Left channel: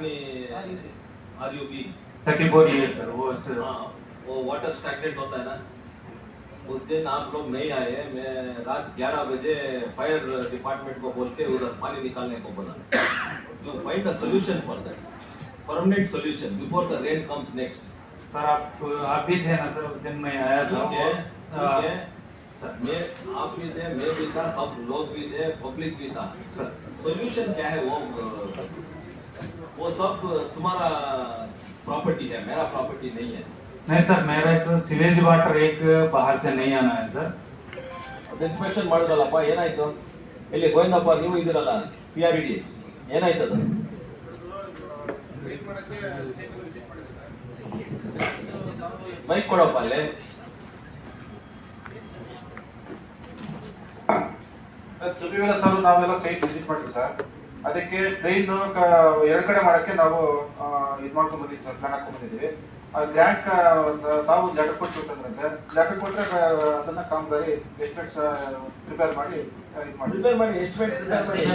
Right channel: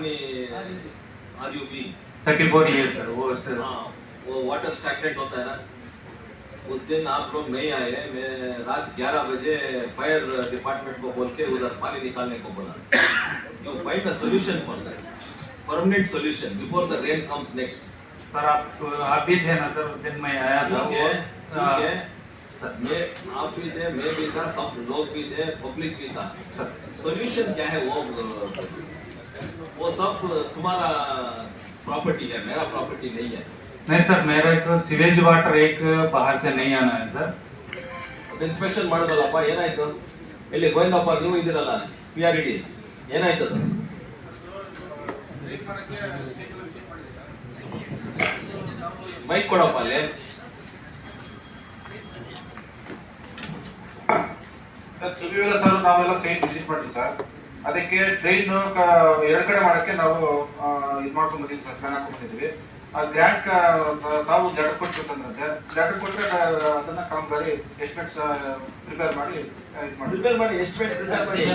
पानी आर thirty four year sir वो सर हाँ वो वाटर स्टैगनेंट होता है ना। उस दिन आप लोग नहीं आए मैं रात 11 बजे फायर डिपार्टमेंट को बोल के उधर पानी निकालने को बोला। You find a solution for that permanent solution before the rain comes next sir आप आप भी थे ना सर उस दिन मैं आया था ठीक है ठीक है। सर मैं आप भी थे मैं भी था सब लोग भी थे पब्लिक भी था। सोल्यूशन क्या है वो वो सब तुम्हारा प्रॉपर्टी है मेरा प्रॉपर्टी नहीं है नहीं सर मेरा तो सीवेज वाटर एक बाहर से नहीं आना है सर ಇನ್ಸ್ಪೆಕ್ಷನ್ ಮಾಡೋದಲ್ಲಪ್ಪ ಏನಾಯ್ತು ಇಲ್ಲಿ ಗೋವಿಂದಪ್ಪ ನೀವು ಇದ್ದೀರಲ್ಲ ಪಿ ಆರ್ ಇಡಿ ಏನಾಯ್ತು ಅದು ಬೈಕ್ ಕೊಡಪ್ಪ ಅಲ್ಲಿ ಸರ್ ತುಳಿವೆಲ್ಲ ಸರ್ ನಾವೆಲ್ಲ ಸೈಟ್ ವಿಸಿಟ್ ಮಾಡಿದ್ವಿ ಸರ್ ಅದಕ್ಕೆ ಟ್ರೈನ್ ಎರಡು ಕಡೆ ಮಾಡಕ್ಕೆ ನಾವು ಇದು ಮಾಡ್ಕೊಂಡ್ ಬಂದಿದ್ವಿ ಸರ್ ಪ್ಲಾನ್ ಹಾಕೊಂಡ್ ಬಂದಿದ್ವಿ. ಆ ಗ್ರ್ಯಾಂಟ್ ತಾವು ಲೆಟರ್ ಕೊಟ್ಟಿರ್ತಂದ್ರೆ ಲೆಟರ್ ಕೊಟ್ಟರೆ ಅದನ್ನ ಕಾಮಗಾರಿ ಎಸ್ಟಿಮೇಟ್ ಪ್ರಿಪೇರ್ ಮಾಡಿ ಪ್ರಿಪೇರ್ ಮಾಡಿ ಎಸ್ಟಿಮೇಟ್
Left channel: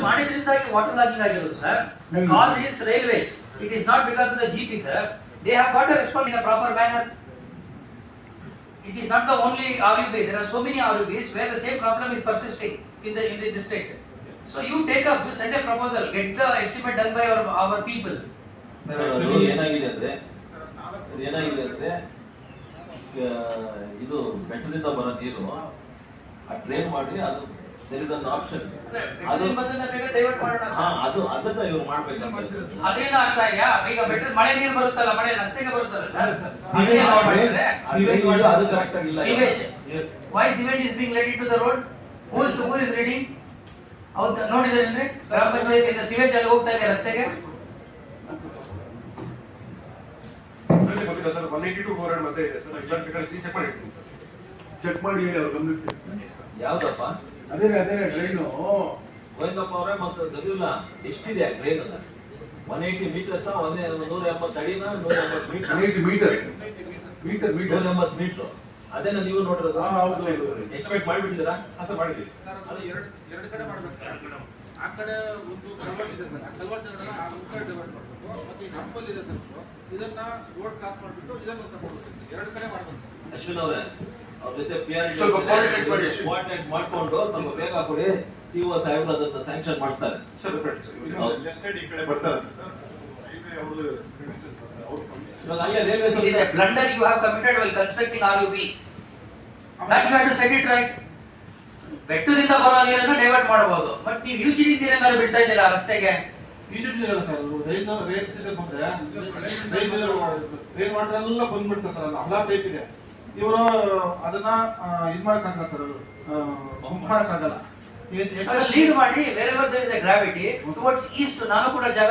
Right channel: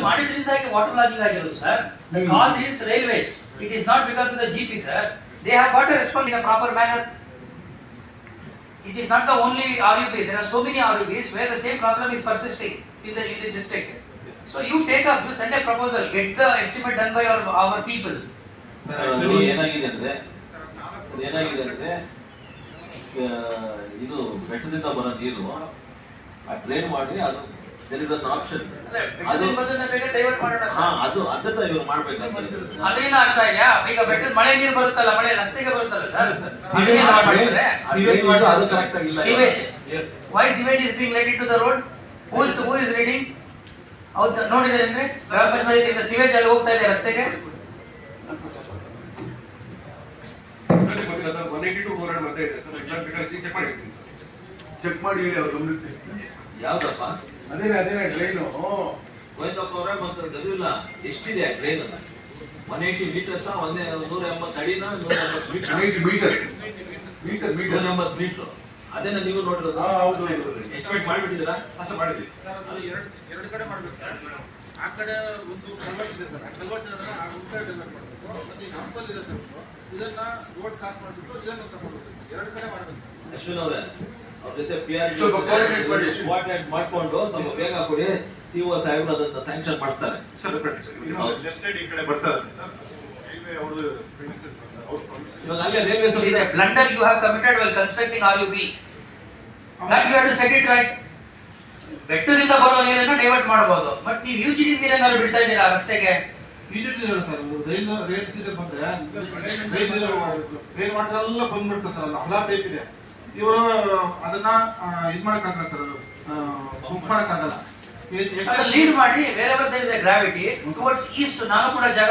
ಮಾಡಿದ್ರಿಂದಾಗಿ ವಾಟರ್ ಲಾಗಿಂಗ್ ಆಗಿರೋದು sir. The cause is railways it is not because of the G P sir they have got a respond in a proper manner it is not the only RUB, there are so many RUBs where the same problem is persisting in the, in the district. So you take up, you send a proposal, get the estimate done by our, our people. Actually ಏನಾಗಿದೆ ಅಂದ್ರೆ ಏನಾಗಿದೆ ಅಂದ್ರೆ ಇದು ಬೆಟ್ಟದಿಂದ ಬರೋ ನೀರು ಆ drain ಮಾಡಿ ಅದು ದರ್ ಇಸ್ ಅನ್ ಆಪ್ಷನ್ ಅದು ಬದನ್ನ ಬೇಗ ಡೈವರ್ಟ್ ಮಾಡೋಣ ಹಾ ಅದು ಅದನ್ನ ಇವ್ರು ಮಾಡ್ಬೇಕಂತ ಅದರಿಂದ ಆಗ್ತಾ ಇದೆಯಾ ಈಗ ಬೆಟ್ಟದ ಮಳೆ ನೀರು ಬರುತ್ತಲ್ಲ ಮಳೆ ರಸ್ತೆಗೆ ಬರುತ್ತಲ್ಲ ಸರ್ ಸಿವೇಜ್ ಅದು correct ಆಗಿಲ್ಲ. Why sewage is being let into the road? Who is, who is reading? ಹೌದು ನೋಡಿದ್ರೇನ್ರಿ ಗ್ರಾಮ ಪಂಚಾಯತಿಯಿಂದ ಸಿವೇಜ್ ಅಲ್ಲಿ ಹೋಗ್ತಾ ಇದೆ ರಸ್ತೆಗೆ. ಚೆಕ್ ಮಾಡಿರ್ತೀನಿ ಸರ್ ಚೆಕ್ ಮಾಡಿ ಹೇಳಿ ಅವ್ರು ಗಮನಕ್ಕೆ ಯಾವ್ದಪ್ಪ? ಅದೇನೆ ಅದೇನೆ ಟ್ರೈನು ಗೋವಿಂದಪ್ಪ ಅವರೇ ಮತ್ತೆ ಗೊತ್ತಿಲ್ಲ ಎಷ್ಟಿದೆ ಟ್ರೈನ್ ಅನ್ನ ಒನ್ ಏಯ್ಟಿ ಮೀಟರ್ಸ್ ಒಂದೇ ನೂರ ಎಂಬತ್ತು ಅಡಿನ ನೂರ ಎಂಬತ್ತು ಮೀಟರ್ ಮೀಟರ್ ಮೀಟರ್ ಮೀಟರ್ ಎಂಬತ್ತು ಮೀಟರ್ ಅದನ್ನ ನೀವು ನೋಡಿರೋದು. ಎಸ್ಟಿಮೇಟ್ ಮಾಡಿಬಿಟ್ಟಿದ್ದೀರಾ? ಹಾಸ ಮಾಡಿದ್ವಿ. ಸರ್ ಅದು ಎರಡು ಎರಡು ಕಡೆ ಮಾಡ್ಬೇಕು ಆ ಕಡೆ ಒಂದು ಕಲ್ವರ್ಟ್ ಇದೆ ಸರ್. ಆ ಕಲ್ವರ್ಟ್ ಆ ಕಡೆ ಡೆವಲಪ್ ಮಾಡಬೇಕು. ಮತ್ತೆ ಈ ಹಂಪಲ್ ಇದೆ ಸರ್ ಇದನ್ನ ರೋಡ್ ಕಾಸ್ ಮಾಡಿಬಿಟ್ಟು ಇದನ್ನು ತಗೊಂಡು ಎರಡು ಕಡೆ ಮಾಡಬೇಕು ಅಶ್ವಿನ್ ಅವರೇ ಅವ್ರ ಜೊತೆ ಪಿ ಆರ್. ಕೋಆರ್ಡಿನೇಟ್ ಮಾಡ್ಕೊಂಡು ಸ್ವಲ್ಪ ಬೇಗ ಕೊಡಿ. ಸಿ ಒ ಸಾಹೇಬ್ರು ಅದನ್ನ ಸ್ಯಾಂಕ್ಷನ್ ಮಾಡ್ತಾರೆ. ಸರ್ ಹೌದು. ಲೆಫ್ಟ್ ಸೈಡ್ ಈ ಕಡೆ ಬರ್ತಾರೆ It is a blunder you have committed while constructing RUB. That you have to set it right. ಬೆಟ್ಟದಿಂದ ಬರೋ ನೀರನ್ನು ಡೈವರ್ಟ್ ಮಾಡಬಹುದು ಬಟ್ ನೀವು ಯೂಜಿಡಿ ನೀರನ್ನು ಬಿಡ್ತಾ ಇದ್ದೀರಾ ರಸ್ತೆಗೆ ಇದಿರಲಿಲ್ಲ ಸರ್ ರೈಲ್ ಬಂದ್ರೆ ರೈಲ್ ರೈನ್ ವಾಟರ್ ಎಲ್ಲ ಬಂದ್ಬಿಡ್ತದೆ ಸರ್ ಅದು ಟೈಪ್ ಇದೆ ಇವರು ಅದನ್ನ ಇದು ಮಾಡಕ್ಕಾಗಲ್ಲ ಸರ್ ಅದು ಮಾಡಕ್ಕಾಗಲ್ಲ ಲೀಡ್ ಮಾಡಿ ಬೇರೆ ಬೇರೆ ಗ್ರಾವಿಟಿ ಟುವರ್ಡ್ಸ್ ಈಸ್ಟ್ ನಾನು ಕೂಡ ಜಾಗ